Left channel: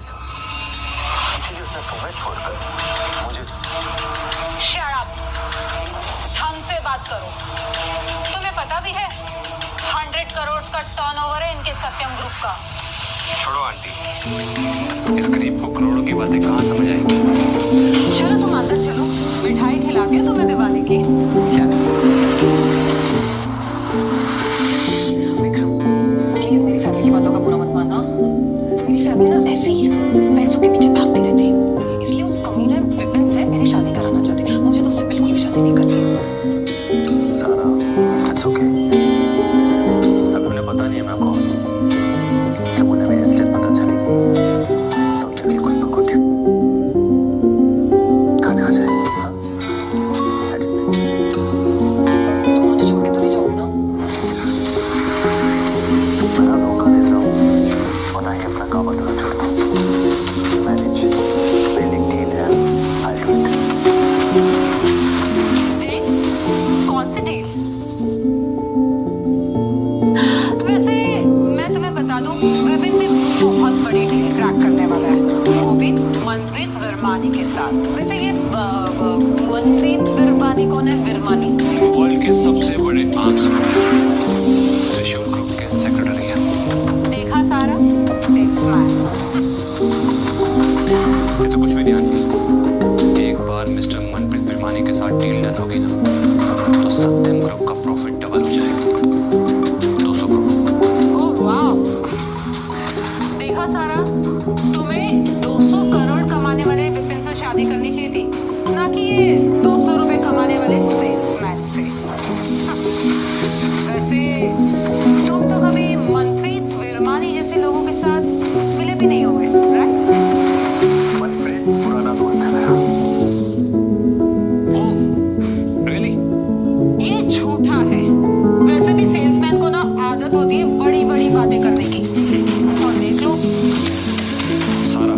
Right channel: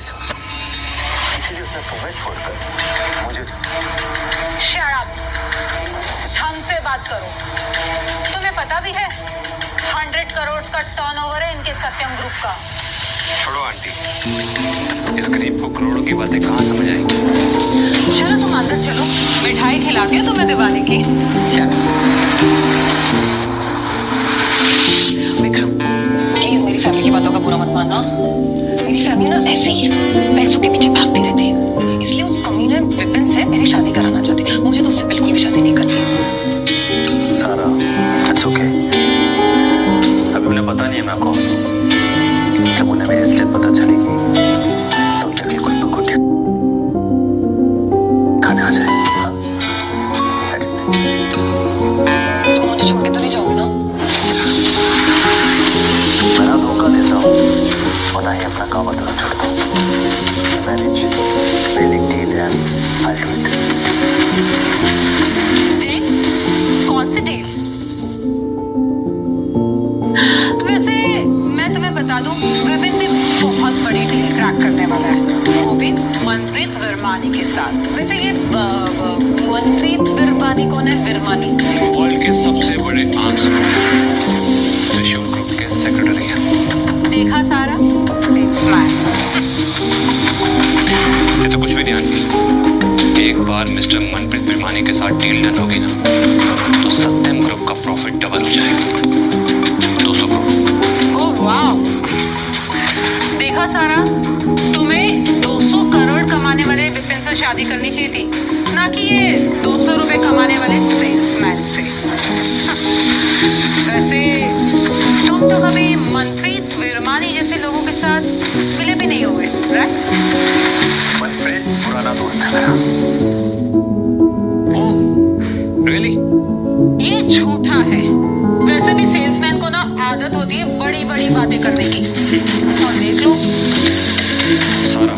से उसे, इसीलिए उसने तुम्हें छोड़कर मुझे। शट अप, हमसे बात करो। तुम्हें पता भी है 100 करोड़ का टर्नओवर है इनके सत्यम ग्रुप का। छोड़ो आंटी, इस गरीब को करोड़ों की बातें कहाँ समझ आएंगी। चलो तुम अंदर चलो, मिठाई खिलाती हूँ तुम्हें दीवाने की। विक्रम, प्लीज मेरी फैमिली की बातों का बुरा मत मानना। मेरी फैमिली ना ऐसे ही है, पैसों के पीछे भागती रहती है। इसलिए उस कमीने विपिन से मेरी शादी कराना चाहती है। मुझे तो उससे बिल्कुल भी शादी नहीं करनी। सारा, इट्स ओके। अभी उन्हें पता नहीं है मैं कौन हूँ। जब उन्हें मेरी असलियत पता चलेगी तब तक खुद ब खुद खाने आ जाएगी। तुम मुझे छोड़ के तो नहीं जाओगे ना? मैं ना धोखा देता हूँ और ना ही अपना काम बदलना चाहता हूँ। मैनेज, बिल्डिंग डील है, अल्टीमेट। डील? कौन सी डील? वैसे मैं तुम्हें बता दूं, विपिन भी बहुत बड़ी डील क्रैक करने वाला है, वो भी मनप्रीत विरमानी के साथ। वैसे ये मनप्रीत विरमानी कौन है? विरमानी वर्ल्ड के सबसे बड़े आर्म्स त्रिशूल ग्रुप के सेक्रेटरी हैं। देखा सारा? सेल्समैन। ये तो कुछ भी नहीं आंटी। एक बार मिस्टर मनप्रीत विरमानी के साथ डील डन होगी ना तो सत्यम ग्रुप का प्रॉफिट डबल हो जाएगा, 200 करोड़। ओह वाह! देखा सारा, तुम्हें 200 करोड़ कमाने वाले विपिन से शादी करनी चाहिए थी, ना कि ये 200 रुपए कमाने वाले सेल्समैन से। वैसे तुम तो कभी मनप्रीत विरमानी जैसे लोगों के साथ मिले भी नहीं होंगे, राइट? मनप्रीत पुराना दोस्त है मेरा। ओह, रियली? ये झूठा है। वैसे भी सेल्समैन को ना आदत होती है बड़ी बड़ी बातें करने की। और देख लो, सारा,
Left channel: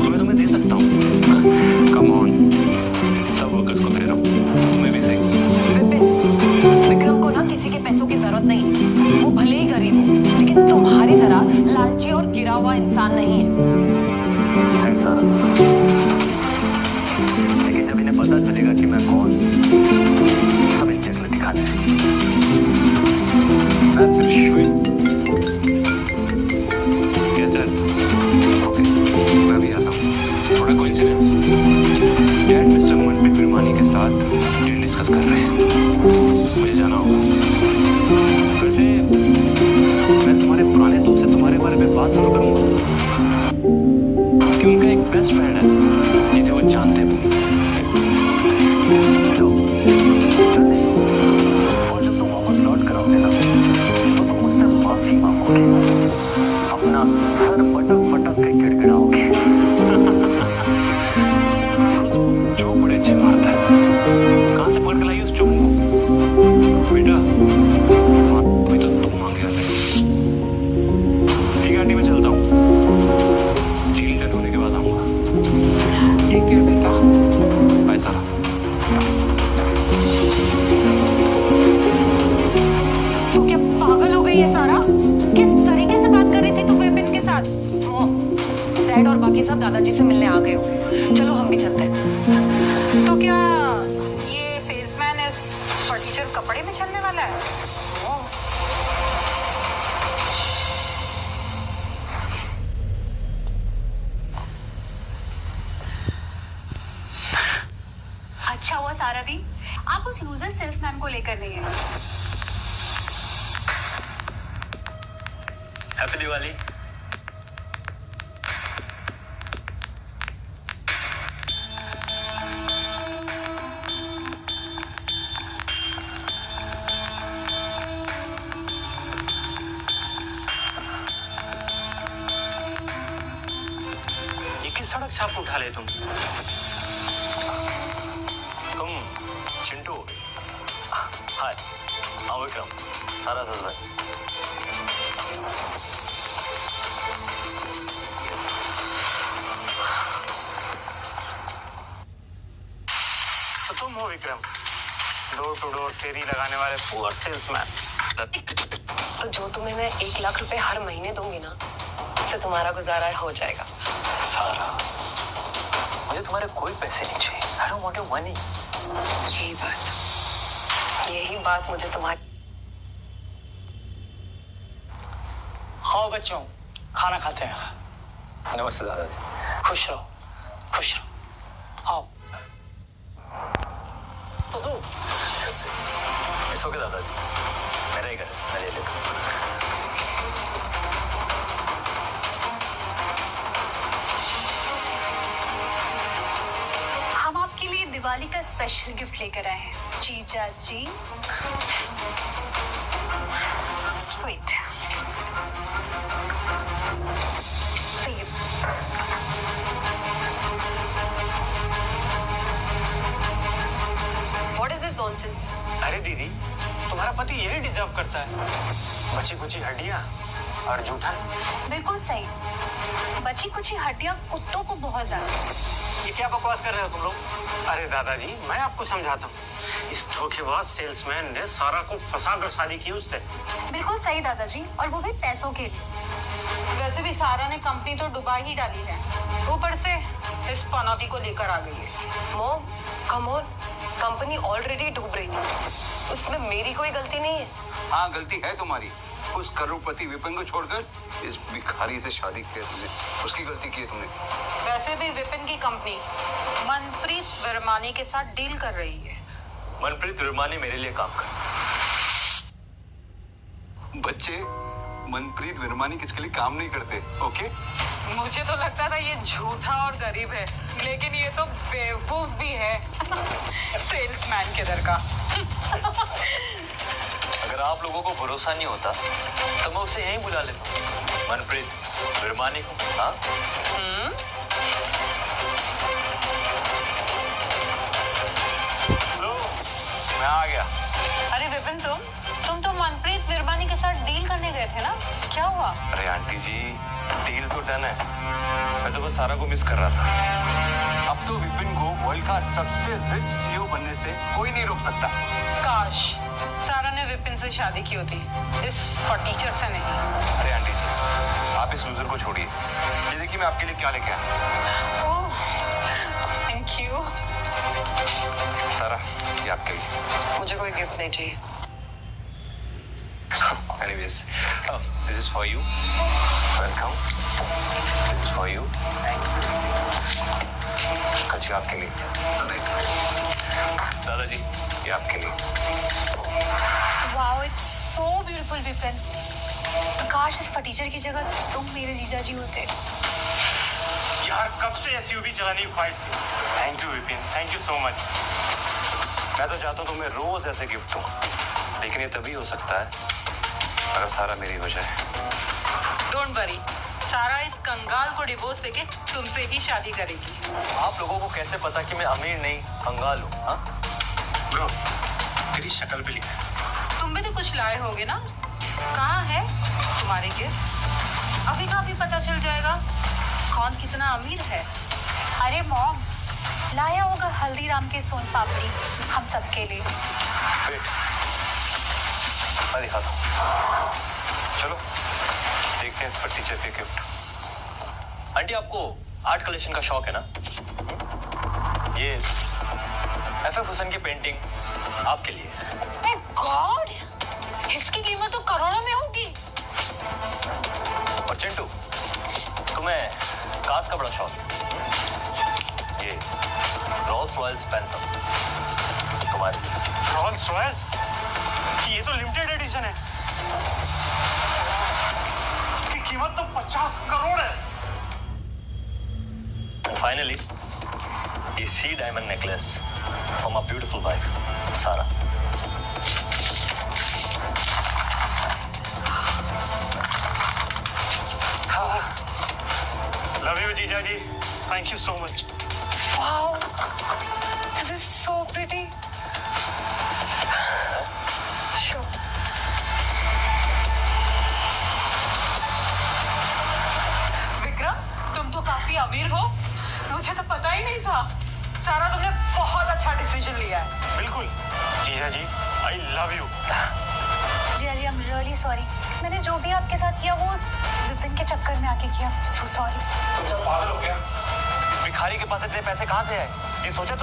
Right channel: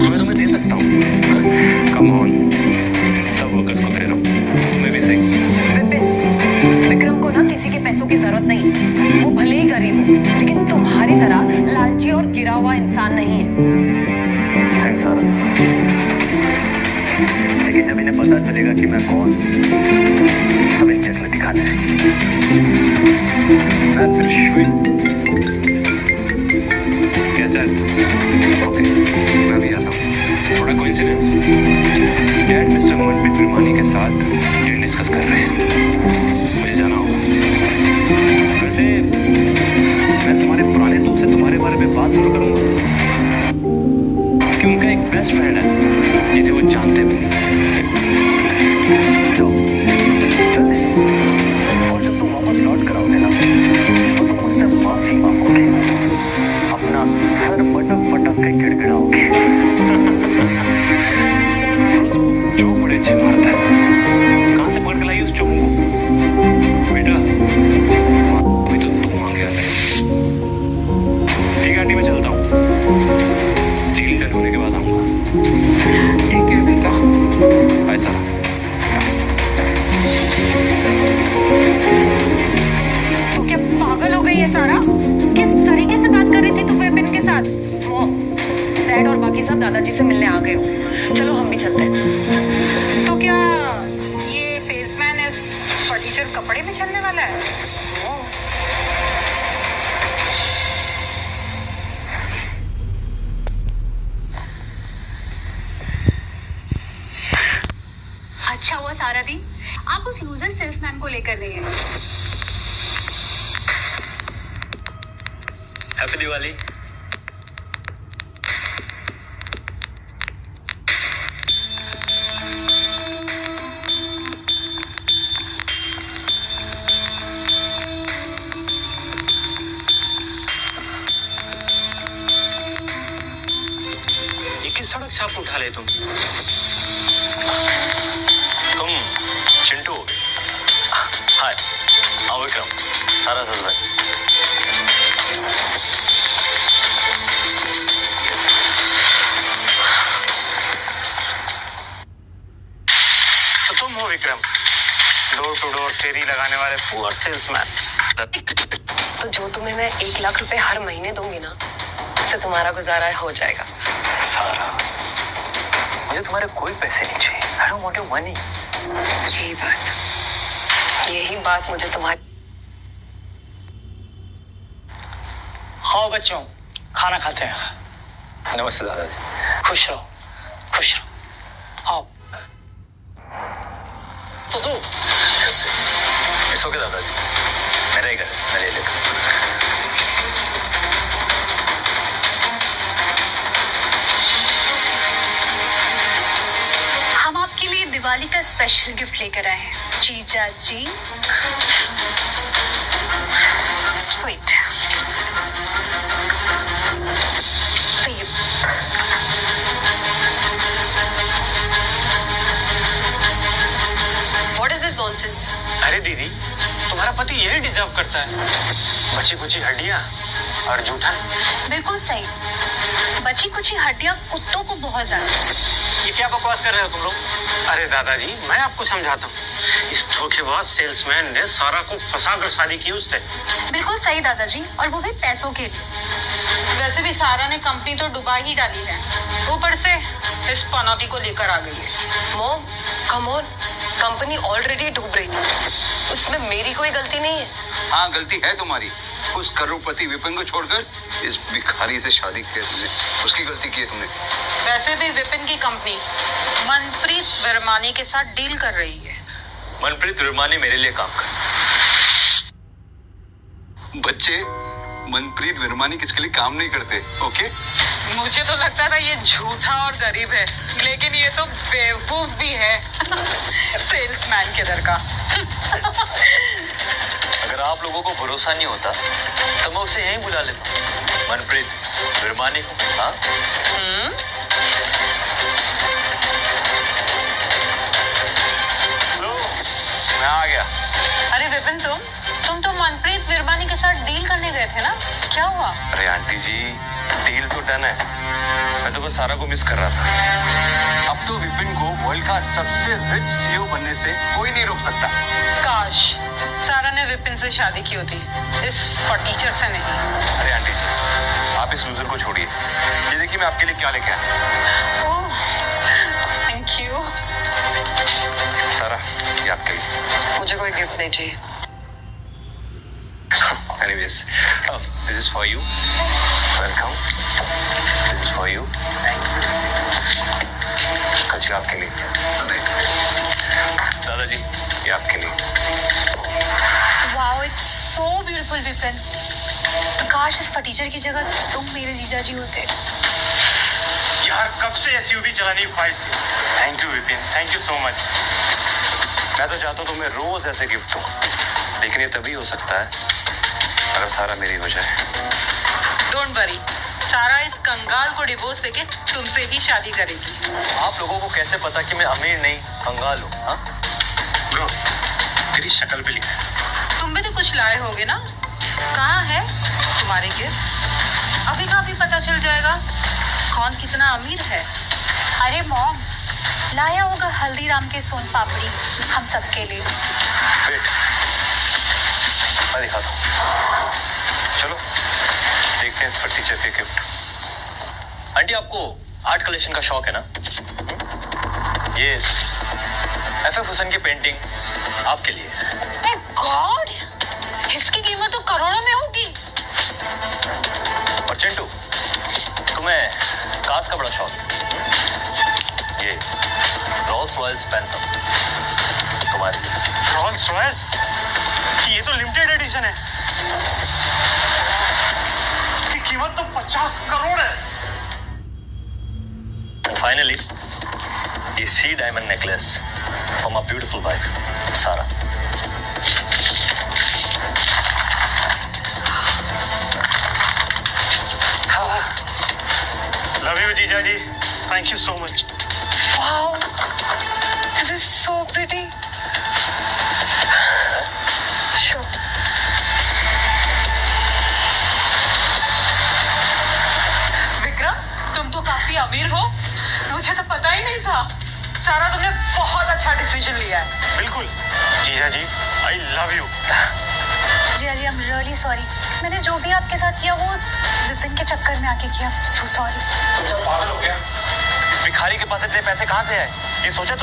मैं तुम्हें दे सकता हूँ। कम ऑन, सब वर्कर्स को दे रहा हूँ, तुम्हें भी सही। विपिन, विक्रम को ना किसी के पैसों की जरूरत नहीं। वो भले ही गरीब हो, लेकिन तुम्हारी तरह लालची और गिरा हुआ इंसान नहीं है। थैंक्स सारा, लेकिन जब इन्हें पता चलेगा कि मैं कौन, तब इनकी असली दिखाना है। मैं त्रिशूल। क्या है? ओके, मैं भी आता हूँ। थोड़ा coincidence, dad mister Manpreet Virmani के साथ डील डिस्कस कर रहे हैं, मुझे जाना होगा। वैसे मैं तुम्हारे पुराने दोस्त से तुम्हारे बारे में बात जरूर करूंगा कि उनका एक बेस्ट फ्रेंड है जिन्हें वो जानते भी नहीं। तो, चलते हैं। और जब तुम वापस लौट कर आओगे ना तो तुम मुझसे माफी मांगोगे, अपना सर पटक पटक के गिड़गिड़ाओगे। जो बड़े अच्छे मारता है, कहाँ से पकड़ के लाई उस चोमू को? बेटा, अभी तो तुम मांगे आते हैं। ठीक है आंटी, मैं चलता हूँ, डील डन होने के बाद आऊंगा। ठीक है बेटा, बाय सारा। तो क्या पागल हो गई है सारा? किस तरीके से बात कर रही थी तू विपिन के साथ? वो डैड और बाकी सब दादाजी से मिलने आ गए हो। चलो हम भी चलते हैं। तो क्या ये सेल्समैन इस फर्नीचर कपड़े में चलने वाला है? ओह। अच्छा हुआ सारा दी, आप उस लूजर सेल्समैन को लेकर नहीं गए। हैप्पी दिवाली। ये किस सड़क से आप उठा ले तुम चिंटू हो गए। हाय, आओ विक्रम, सारा हस्बैंड। तो तुम हो विक्रम, डोर टू डोर फेरी लगाने वाले पुअर सेल्समैन। तो जो तुम्हें मैं 1 लाख रुपए हर महीने दूंगी ना, उससे तुम्हारा गुजारा हो जाएगा। सारा, मुझे तुम्हारे कोई पैसे नहीं चाहिए। I don't want your money. यही बात मुझे तुम्हारी। हाँ बच्चों, खाना खाते हैं। नमस्ते दादाजी। खुश रहो, खुश रहो। हाँ तो दो। इट्स ओके दादाजी, मेरा ही घर है, मैं ले लेता हूँ। हम आपके लिए दिवाली का स्पेशल गिफ्ट लेकर आए हैं जीजा जी। Wait, what is this nonsense? अरे दीदी, तुम्हारा पति यही डिजर्व करता है। बची कुची हड्डियां और जूठा। बिल्कुल सही, बची कुची हड्डियां कुत्तों को बहुत ज्यादा। ये क्या बकवास कर रहे हो तुम लोग? अरे दादाजी, मैं आपको समझाता हूँ। इस धोखेबाज सेल्समैन ने सारा को फंसाकर शादी की उससे। बिल्कुल सही दादाजी, और वो भी पैसों के लिए। वैसे भी सारा ने कंपनी तो डुबा ही डाली है, ऊपर से इस पनौती को लेकर आ गई है। Mom, come on, company already डूब रही है, उसमें मेरी कोई गलती नहीं है। हाँ, गलती है तुम्हारी। उस करोड़पति विपिन को छोड़कर इस भिखारी से शादी की है तुमने। उसकी गलती की है तुमने। वैसे भी विपिन की कंपनी मनप्रीत वर्मानी के साथ डील कर रही है। मनप्रीत विरमानी मेरे लिए काम कर। बच्चे, मनप्रीत विरमानी किसके लिए काम नहीं करते, ओके? मुझे तो लगता था ये झूठा और गरीब है, लेकिन ये तो बेवकूफ भी है। सेल्समैन के दर का। अगर आप लोगों को भरोसा नहीं होता तो मैं उसे यहीं बुला लेता, मनप्रीत विरमानी को। हाँ, लो, मैं आ गया। अरे विपिन, तुम तो मनप्रीत विरमानी के साथ डील करने गए थे ना, क्या हुआ? अरे आंटी जी, डील तो डन है। मैं तो बस सारा को मिस कर रहा था। अब तो विपिन को वर्ल्ड का सबसे रिच सीईओ बनने से कोई नहीं रोक सकता। काश सारा ने विपिन से शादी की होती, इस फटीचर से नहीं। अरे आंटी जी, आप इस लूजर को छोड़िए। ये देखिए मैं आपके लिए क्या लेके आया। ओह, थैंक यू। सारा, ये आपके लिए। मुझे कोई गिफ्ट नहीं चाहिए। Anyways, oh, this is for you. Welcome. This is for you. कुछ आपके लिए। दादाजी, ये आपके लिए। Wow, it's so beautiful Vipin. काश इस फटीचर की जगह तुम मेरे जीजा जी होते। यार, कब से एसयूवी चलाने की ख्वाहिश थी। Thank you Vipin, thank you so much. मैं तो चाहता हूँ तुम्हें रोज ऐसे गिफ्ट दूं, लेकिन ये तभी हो सकता है अगर सारा मेरी हो जाए। डोंट वरी, सारा इस कंगाल को डिवोर्स देके तुमसे ही शादी करेगी। आप लोगों को कैसे पता कि मैं अमीर नहीं कंगाल हूँ? हाँ, ब्रो, तेरी शक्ल पे लिखा है। तुम भी तो कुछ लाए होगे ना? कहाँ है तुम्हारे गिफ्ट? अभी का अभी पता चल जाएगा कौन कितना अमीर है। अरे मॉम, लाया होगा हल्दीराम के सोन पापड़ी हम सबके लिए। वेट, मैं दिखाता हूँ। चलो देखते हैं इस पर टीचर के गिफ्ट। आंटी, आपको आर्ट कलेक्शन का शौक है ना? ये एफएफ हुसैन की पेंटिंग आपके लिए है। गॉड, इसकी कीमत तो करोड़ों में होगी। और चिंटू, तुम्हें कार्स का बड़ा शौक है। ये रोल्स रॉयल्स पैंथर तुम्हारे लिए। Rolls Royce? ये तो लिमिटेड एडिशन है। इसकी कीमत तो 50 करोड़ है। फाइनली, ये see diamond necklace for my beautiful wife Sara. Love you जीजा जी, thank you so much. Wow, this is so pretty. Vikram, तुम तो काफी अमीर हो, मुझे तो पता ही नहीं था। सारा, तुमने बहुत अच्छा डिसीजन लिया है। बिल्कुल जीजा जी, आई लव यू। जी आई एम रियली सॉरी। मैंने जो भी आपके साथ किया वो उस विपिन के चक्कर में आके किया। So sorry. तुम सब पागल हो गया? भिखारी के पास इतने पैसे कहाँ से आए? ये सोचा